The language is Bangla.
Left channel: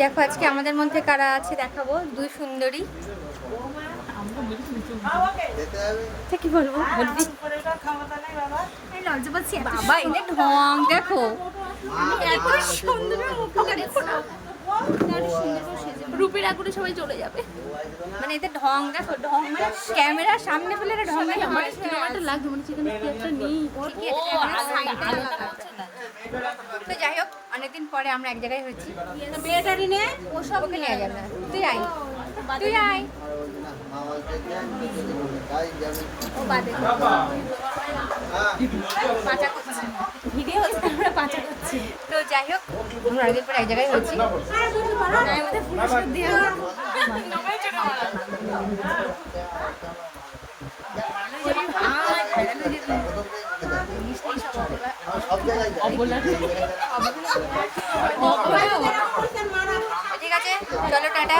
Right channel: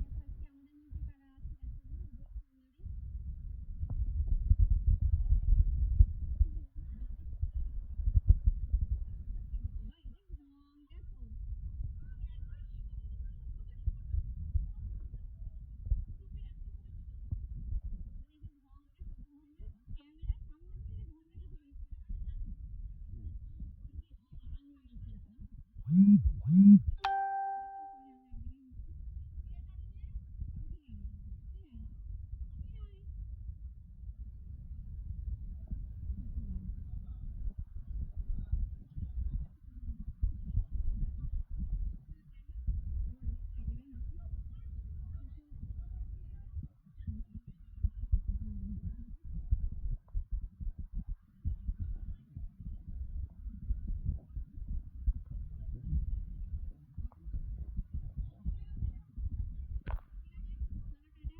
দেখো আজকে আমাদের মধ্যে কারা আছে দেখাবো, দুই সুন্দরী। কি বলবো, বলবি লজ্জা পাচ্ছি বাবা, এদের ঢং দেখো, এত সুন্দর মুখটা দেখো না, রূপের আগুনে সবাই চলে যাবে। মানে এদের ঢং দেখো, ঢং মানে ক্যামেরার সামনে ফেলে ঢং লাগবে, মানে সেখানে কি একটা নেই। তো যাই হোক, অনেকদিন পরে আমরা এক জায়গায় হয়েছি। মেয়েটারি নে, ও সবকে নিয়ে যাবে না, তুই আয়, তুই আয়। ও বাদে পাচা করছি, ভিডিও হচ্ছে, আমরা পাচা করছি। তো যাই হোক, আমরা অনেকদিন পরে এক জায়গায় হয়েছি। ঠিক আছে, চলো টাটা।